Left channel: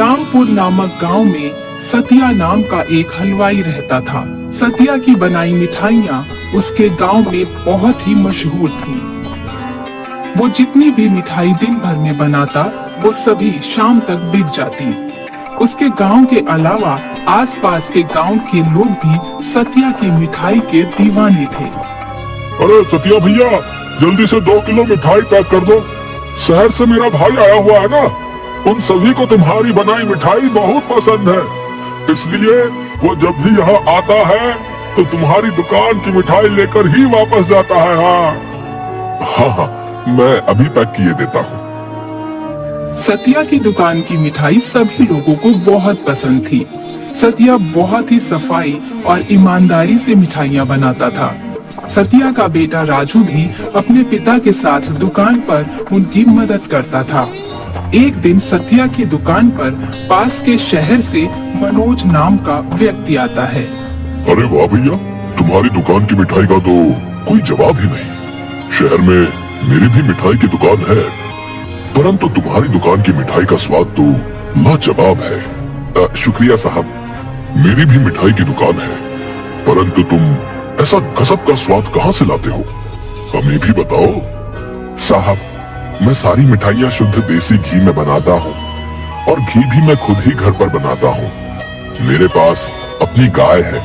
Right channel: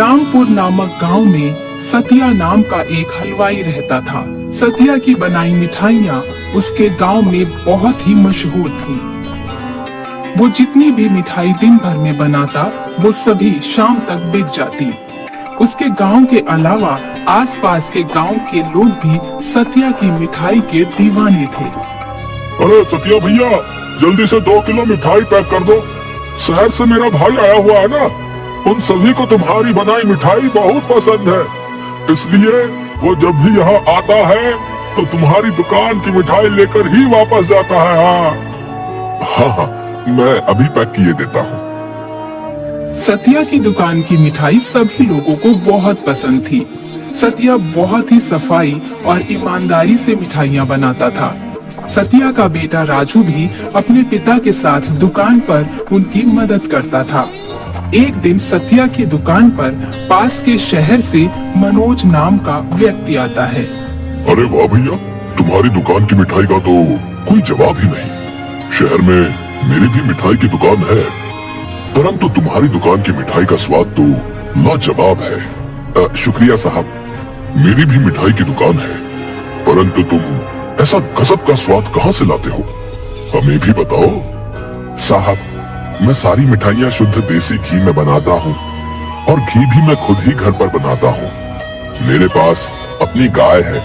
रामपुर नामक गांव में सतिया नाम का एक हलवाई रहता था। सतिया की बनाई मिठाइयाँ उसके गांव में बहुत ही मशहूर थी। वो जितनी भी मिठाई दिन भर में बनाता वो सभी शाम तक बिक जाती। उसके गांव के अलावा आसपास के गांव के लोग भी सतिया की मिठाई के दीवाने थे। अरे सतिया भैया, जल्दी से 2 किलो मिठाई पैक कर दो। शहर से मेरा भाई आया हुआ है ना, उन सभी को तुम्हारी बनाई मिठाई बहुत पसंद है, इसलिए वो जब भी यहाँ आता है तो तुम्हारी दुकान की मिठाई लेकर ही वापस जाता है। हाँ, मैं अभी पैक किए देता हूँ। सतिया की दुकान की मिठाई सभी लोगों को बहुत पसंद थी। सतिया बहुत ही सफाई और ईमानदारी से मिठाइयाँ बनाता था। सतिया का बेटा राजू भी अपने पिता के साथ दुकान पर उनकी मदद करता था। एक दिन सतिया की दुकान पर पास के शहर से मनोज नाम का व्यक्ति आता है। अरे वाह भैया, तुम्हारी दुकान की मिठाई का तो कोई जवाब ही नहीं। शहर में मेरी भी मिठाई की दुकान है, परंतु तुम्हारी दुकान की मिठाई का स्वाद तो लाजवाब है। शुक्रिया साहब, मेरी भी मिठाई की दुकान है, परंतु तुम ऐसा गजब का स्वाद कहाँ से लाते हो, हमें भी बताओ। साहब, मैं सारी मिठाइयाँ शुद्ध देसी घी में बनाता हूँ और घी भी मैं खुद ही घर पर बनाता हूँ। मेरे पास अपनी गाय है,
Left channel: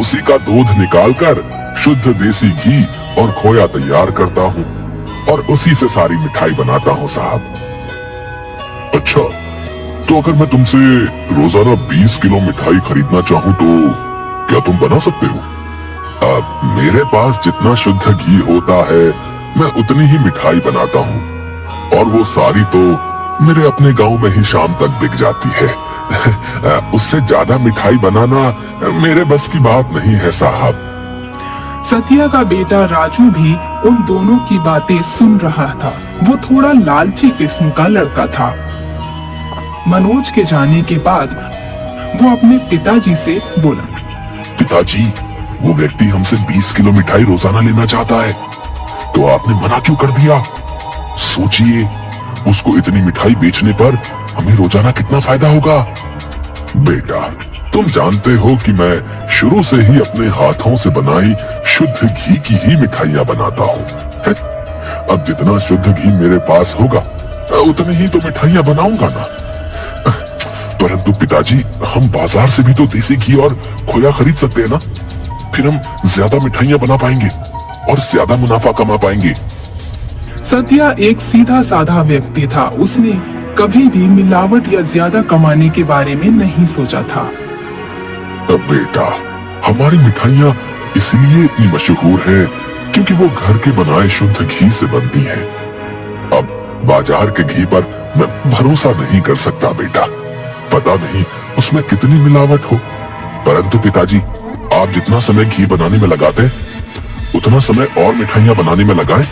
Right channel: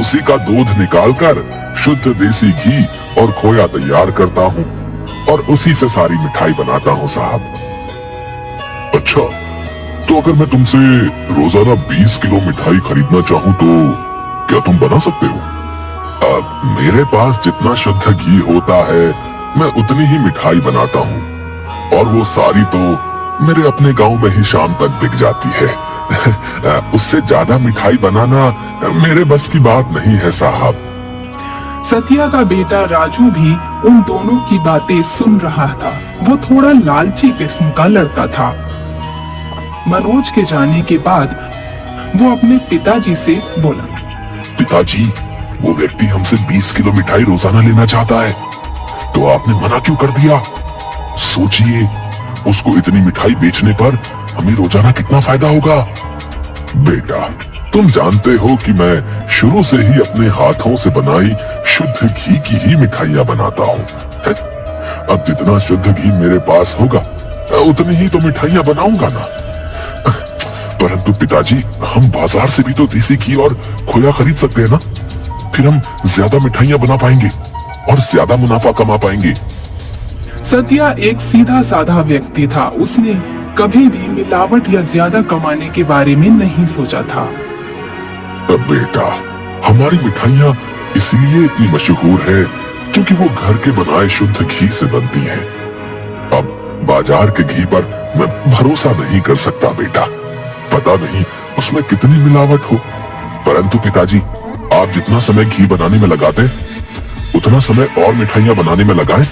उसी का दूध निकालकर शुद्ध देसी घी और खोया तैयार करता हूँ और उसी से सारी मिठाई बनाता हूँ साहब। अच्छा, तो अगर मैं तुमसे रोजाना 20 किलो मिठाई खरीदना चाहूँ तो क्या तुम बना सकते हो? मेरे पास जितना शुद्ध घी होता है मैं उतनी ही मिठाई बनाता हूँ और वो सारी तो मेरे अपने गांव में ही शाम तक बिक जाती है। उससे ज्यादा मिठाई बनाना मेरे बस की बात नहीं है साहब। सतिया का बेटा राजू भी उन दोनों की बातें सुन रहा था। वो थोड़ा लालची किस्म का लड़का था। मनोज के जाने के बाद वो अपने पिताजी से बोला, पिताजी, वो व्यक्ति हमसे 20 किलो मिठाई रोजाना लेना चाहता है, तो आपने मना क्यों कर दिया? सोचिए, उसको इतनी मिठाई बेचने पर हमें रोजाना कितना फायदा होगा। बेटा, तुम जानते हो कि मैं शुरू से ही अपने हाथों से बनाई शुद्ध घी की ही मिठाइयाँ बनाता हूँ। अब जितना शुद्ध घी मेरे पास होगा उतनी ही तो मिठाइयाँ बनाऊंगा ना। परंतु पिताजी, हम बाजार से भी तो देसी घी और खोया खरीद सकते हैं ना, फिर हम ज्यादा मिठाइयाँ बना पाएंगे और ज्यादा मुनाफा कमा पाएंगे। सतिया एक सीधा साधा व्यक्ति था। उसने कभी भी मिलावट या ज्यादा कमाने के बारे में नहीं सोचा था। बेटा, हमारी मिठाइयाँ इसलिए इतनी मशहूर है क्योंकि वो घर के बनाए शुद्ध घी से बनती है। अब बाजार के घी पर मैं भरोसा नहीं कर सकता बेटा, पता नहीं उसमें कितनी मिलावट हो। परंतु पिताजी, आप जितना समय घी बनाने में लगाते हैं उतना समय और मिठाइयाँ बनाने में लगाएं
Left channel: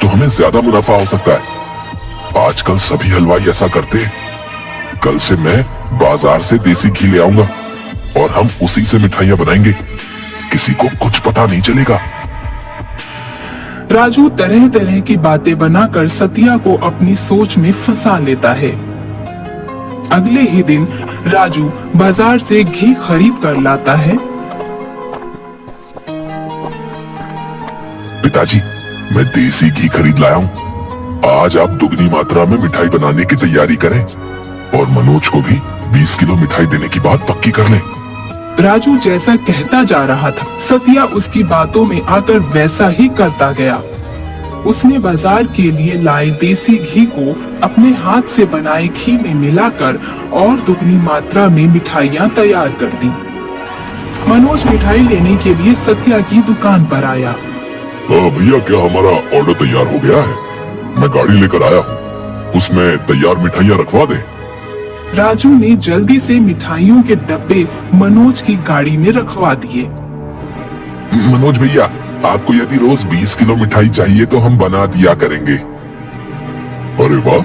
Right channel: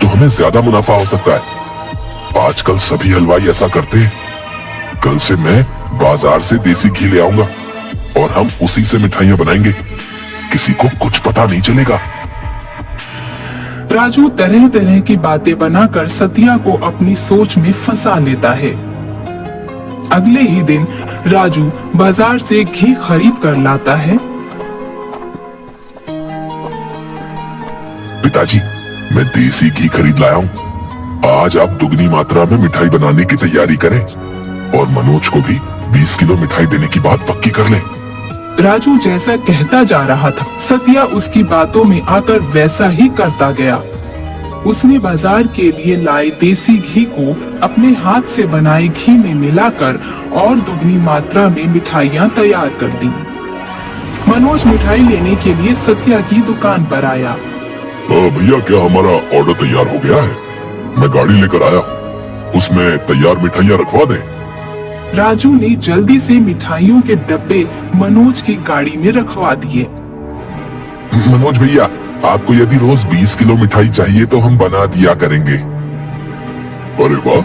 तो हमें ज्यादा मुनाफा हो सकता है। आजकल सभी हलवाई ऐसा करते हैं। कल से मैं बाजार से देसी घी ले आऊंगा और हम उसी से मिठाइयाँ बनाएंगे, किसी को कुछ पता नहीं चलेगा। राजू तरह तरह की बातें बनाकर सतिया को अपनी सोच में फंसा लेता है। अगले ही दिन राजू बाजार से घी खरीद कर लाता है। पिताजी, मैं देसी घी खरीद लाया हूँ। आज आप दुगनी मात्रा में मिठाई बनाने की तैयारी करें और मनोज को भी 20 किलो मिठाई देने की बात पक्की कर लें। राजू जैसा कहता जा रहा था, सतिया उसकी बातों में आकर वैसा ही करता गया। उसने बाजार के लिए लाए देसी घी को अपने हाथ से बनाए घी में मिलाकर और दुगनी मात्रा में मिठाइयाँ तैयार कर दी। मनोज मिठाई लेने के लिए सतिया की दुकान पर आया। भैया, क्या हमारा ऑर्डर तैयार हो गया है? मैं गाड़ी लेकर आया हूँ, उसमें तैयार मिठाइयाँ रखवा दें। राजू ने जल्दी से मिठाइयों के डब्बे मनोज की गाड़ी में रखवा दिए। मनोज भैया, आपको यदि रोज 20 किलो मिठाई चाहिए तो हम बना दिया करेंगे। अरे वाह,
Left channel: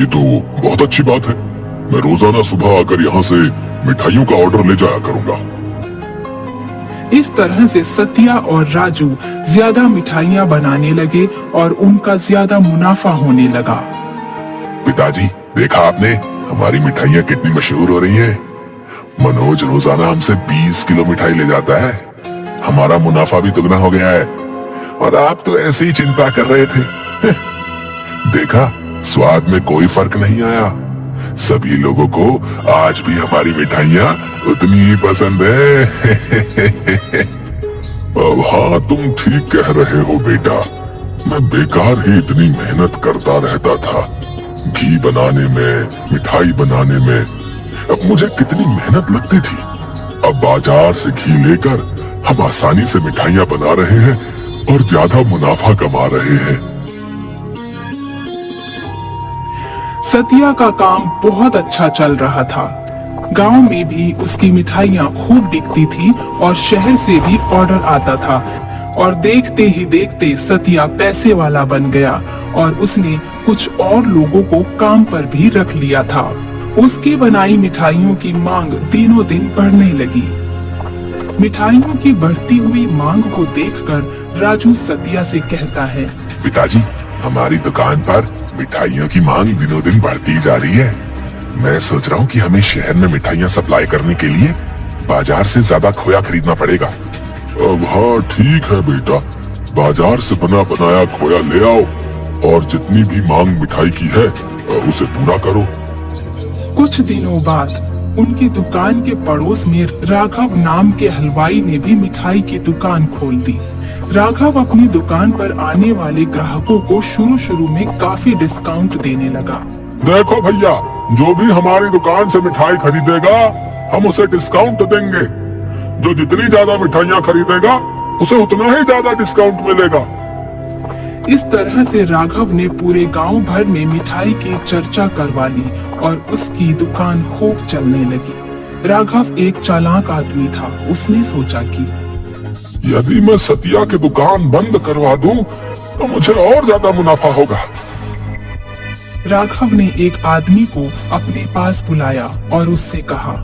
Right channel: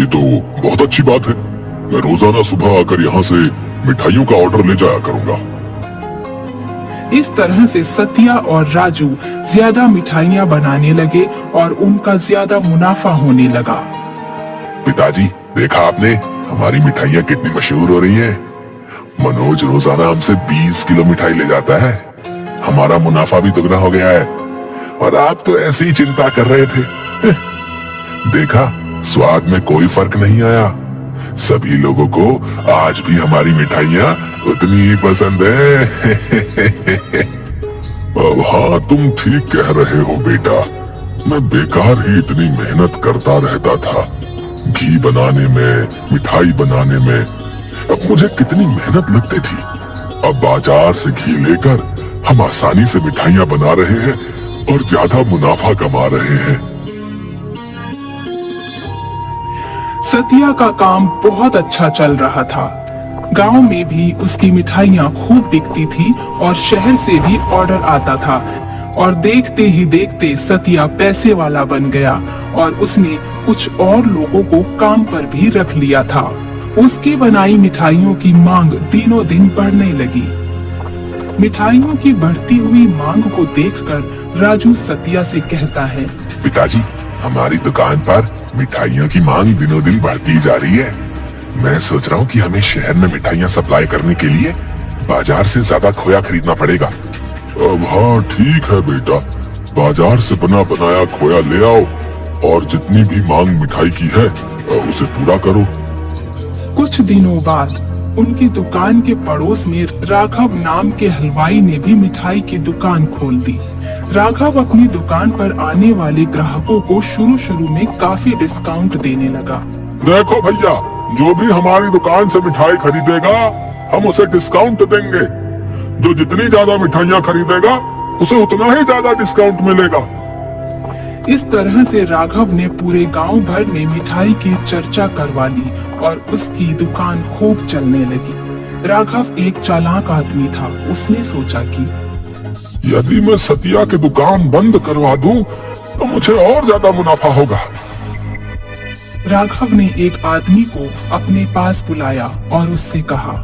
ये तो बहुत अच्छी बात है। मैं रोजाना सुबह आकर यहाँ से मिठाइयों का ऑर्डर ले जाया करूंगा। इस तरह से सतिया और राजू ज्यादा मिठाइयाँ बनाने लगे और उनका ज्यादा मुनाफा होने लगा। पिताजी, देखा आपने, हमारी मिठाइयाँ कितनी मशहूर हो रही हैं। मनोज रोजाना हमसे 20 किलो मिठाई ले जाता है। हमारा मुनाफा भी दुगना हो गया है। और आप तो ऐसी ही चिंता कर रहे थे। देखा, स्वाद में कोई फर्क नहीं आया। सभी लोगों को आज भी हमारी मिठाइयाँ उतनी ही पसंद है। अब हाँ, तुम ठीक कह रहे हो बेटा। मैं बेकार ही इतनी मेहनत करता रहता था। घी बनाने में, मिठाई बनाने में अब मुझे कितनी मेहनत लगती थी। अब बाजार से घी लेकर हम आसानी से मिठाइयाँ बना रहे हैं और ज्यादा मुनाफा कमा रहे हैं। सतिया का काम बहुत अच्छा चल रहा था। गांव में भी उसकी मिठाइयाँ खूब बिकती थी और शहर से भी ऑर्डर आता था। और देखते ही देखते सतिया पैसे वाला बन गया और उसने कुछ और लोगों को काम पर भी रख लिया था। उसकी बनाई मिठाइयों की मांग दिनों दिन बढ़ने लगी। मिठाइयों की बढ़ती हुई मांग को देखकर राजू सतिया से कहता है, पिताजी, हमारी दुकान पर मिठाइयों की मांग दिनों दिन बढ़ती जा रही है। मैं सोच रहा हूँ कि हमें शहर में मिठाइयाँ सप्लाई करने के लिए बाजार से ज्यादा खोया खरीदना पड़ेगा। अब हाँ, ठीक है बेटा, बाजार से बना बनाया खोया ले आओ और जितनी भी मांग मिठाई की है उसे पूरा करो। कुछ दिनों बाद उनकी दुकान के पड़ोस में राघव नाम के हलवाई ने भी मिठाई की दुकान खोल दी। राघव अपनी दुकान पर आने वाले ग्राहकों को शुरू में काफी डिस्काउंट देने लगा। देखो भैया, जो भी हमारी दुकान से मिठाई खरीदेगा हम उसे डिस्काउंट देंगे। जो जितनी ज्यादा मिठाइयाँ खरीदेगा उसे उतना ही ज्यादा डिस्काउंट मिलेगा। इस तरह से राघव ने पूरे गांव भर में मिठाई की चर्चा करवा ली और उसकी दुकान खूब चलने लगी। राघव एक चालाक आदमी था। उसने सोचा कि यदि मैं सतिया की दुकान बंद करवा दूं तो मुझे और ज्यादा मुनाफा होगा। राघव ने एक आदमी को अपने पास बुलाया और उससे कहा,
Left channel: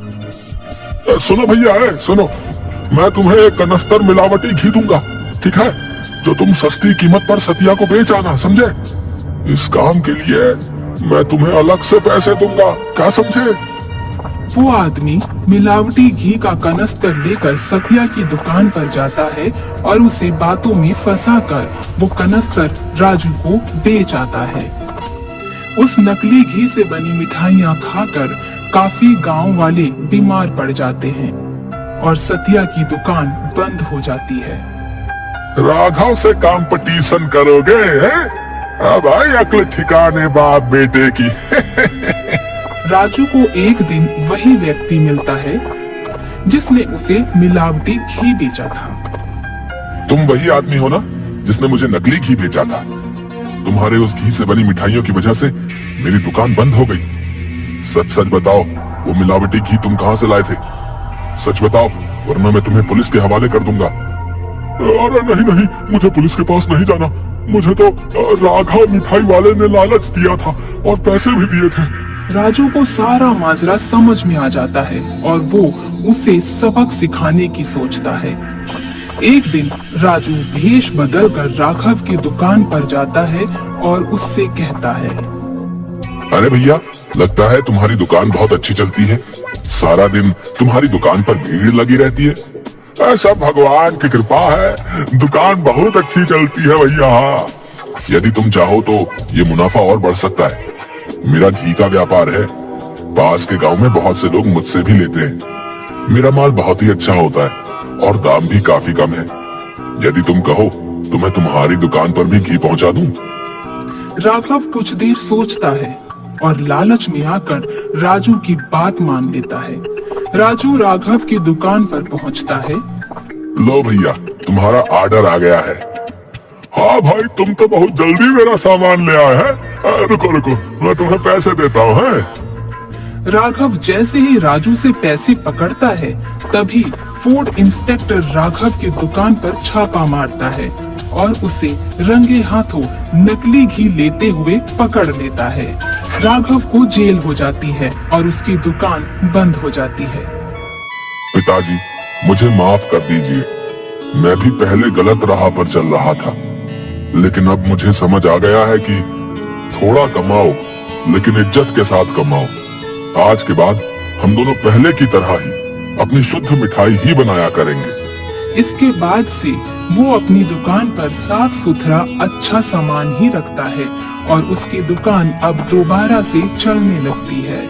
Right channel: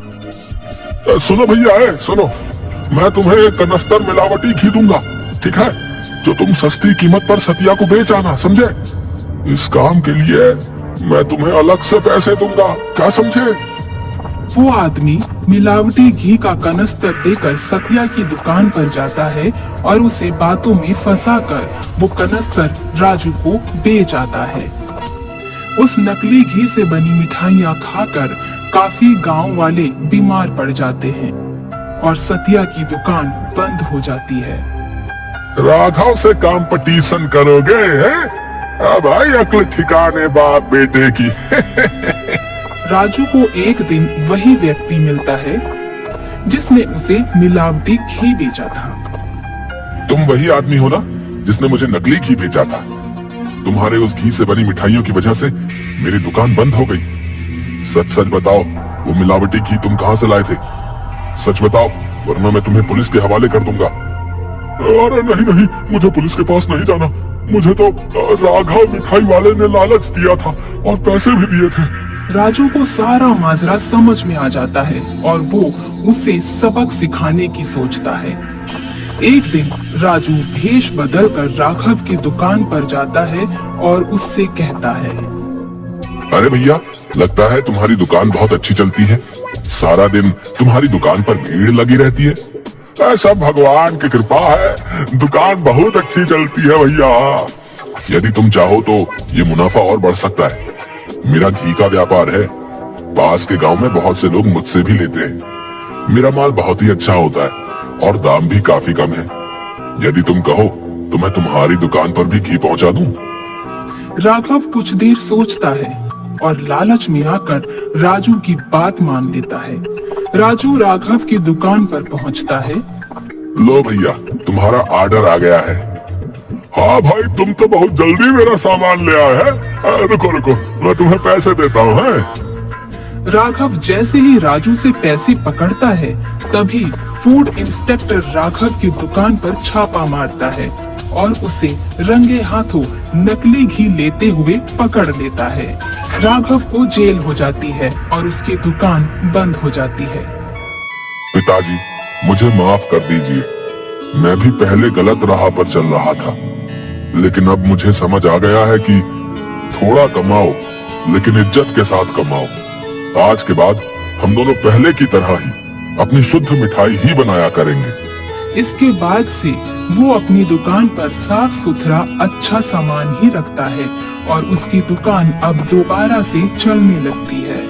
सुनो भैया, सुनो, मैं तुम्हें एक कनस्तर मिलावटी घी दूंगा, ठीक है, जो तुम सस्ती कीमत पर सतिया को बेच आना, समझे? इस काम के लिए मैं तुम्हें अलग से पैसे दूंगा, क्या समझे? वो आदमी मिलावटी घी का कनस्तर लेकर सतिया की दुकान पर जाता है और उसे बातों में फंसाकर वो कनस्तर राजू को बेच आता है। उस नकली घी से बनी मिठाइयाँ खाकर काफी गांव वाले बीमार पड़ जाते हैं और सतिया की दुकान बंद हो जाती है। राघव से कंपटीशन करोगे, हैं? भाई अक्ल ठिकाने बाप बेटे की। राजू को एक दिन वही व्यक्ति मिलता है जिसने उसे मिलावटी घी बेचा था। तुम वही आदमी हो ना जिसने मुझे नकली घी बेचा था? तुम्हारे उस घी से बनी मिठाइयों की वजह से मेरी दुकान बंद हो गई। सच सच बताओ, वो मिलावटी घी तुम कहाँ से लाए थे? सच बताओ, वरना मैं तुम्हें पुलिस के हवाले कर दूंगा। अरे नहीं नहीं, मुझे पुलिस के पास नहीं जाना। मुझे तो राघव मिठाई वाले ने लालच दिया था और पैसे भी दिए थे। राजू को सारा माजरा समझ में आ जाता है और वो उसे सबक सिखाने की सोचता है। एक दिन राजू भेष बदलकर राघव की दुकान पर जाता है और उससे कहता है, अरे भैया, लगता है तुम्हारी दुकान बहुत अच्छी चलती है। सारा दिन तुम्हारी दुकान पर भीड़ लगी रहती है। ऐसा भगवान की कृपा है, दुकान बहुत अच्छी चलती है भैया। यदि तुम चाहो तो ये मुनाफा और बढ़ सकता है। मेरा घी का व्यापार है, पास के गांव में बहुत से लोग मुझसे भी लेते हैं। मेरा माल बहुत ही अच्छा होता है और दाम भी काफी कम है। यदि तुम कहो तो मैं तुम्हारी दुकान पर भी घी पहुंचा दूं। राघव कुछ देर सोचता है और लालच में आकर राजू की बात मान लेता है। राजू राघव की दुकान पर पहुंचता है। लो भैया, तुम्हारा ऑर्डर आ गया है। हाँ भाई, तुम तो बहुत जल्दी मेरा सामान ले आए हैं। रुको रुको, मैं तुम्हें पैसे देता हूँ। राघव जैसे ही राजू से पैसे पकड़ता है तभी फूड इंस्पेक्टर राघव की दुकान पर छापा मारता है और उसे रंगे हाथों नकली घी लेते हुए पकड़ लेता है। राघव को जेल हो जाती है और उसकी दुकान बंद हो जाती है। पिताजी, मुझे माफ कर दीजिए। मैं भी पहले गलत राह पर चल रहा था, लेकिन अब मुझे समझ आ गया है कि थोड़ा कमाओ लेकिन इज्जत के साथ कमाओ। आज के बाद हम दोनों पहले की तरह ही अपनी शुद्ध मिठाई ही बनाया करेंगे। इसके बाद से वो अपनी दुकान पर साफ सुथरा अच्छा सामान ही रखता है और उसकी दुकान अब दोबारा से चलने लगती है।